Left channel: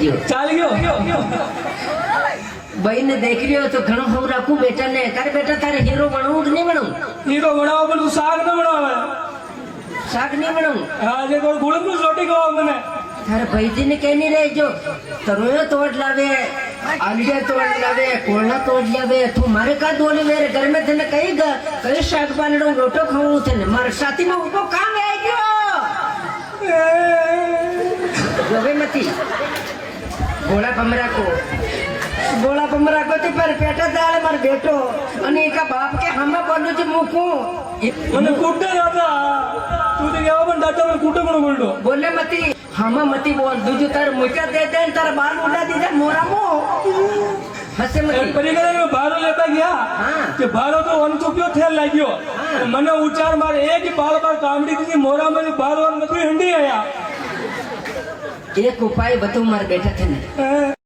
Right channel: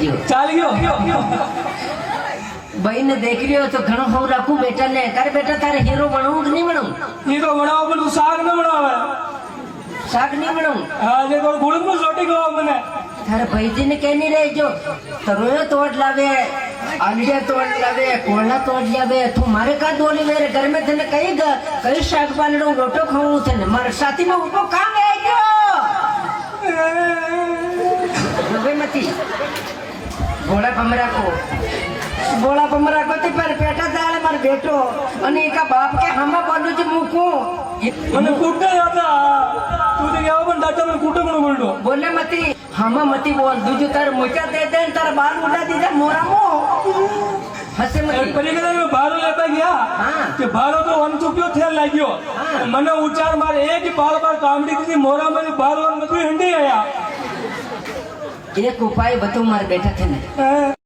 ગયો ચાલી ગયો ભાઈ ને દેખ રહ્યો તો ઘણો ખબર રાખું બેટા ને તારે બેટા તારે હીરો બનાવું કે નહીં બનાવું હીરો બનાવો પણ તું શાક ન બનાવે શાક નહીં બનાવું હા જે કોઈ ગુણ નું રોટી કહો મને તારે ભાઈજી ને કઈ નહીં રહેજો તરોયો તોડ લાવે अंडे तोड़ लावे कोला तोड़ लावे तू मारे का दोली मेरे घर में तने कई शाक पालड़ो रोटो खाऊं तने मारे साथी में ऊपर काम है क्यों जोगे मती गोला पमरा को ते पर पेटा दाल मार बेटो અને એકા બાપ કે હમા બોલું છે મૂકું મને કુટે હતા તું તો કેવો પણ દાટો મે કુટે પણ બોલતો બોલે મતી હમા મતી બોલ દુજુ તાર મોટા દે દે તાર બાલ ઉડા દીધા મોરામો હસે મતી પરિગણે મે ભારો લેતા ગયા હા કે ભારો તો વનચુક્યો થેલ લાગ્યો મને ઉચાર મારે એક બાર કામડી દીધી મોરા મને ભારો નથી હંડી આયા એક ઉપાય બતો માર બેઠા થને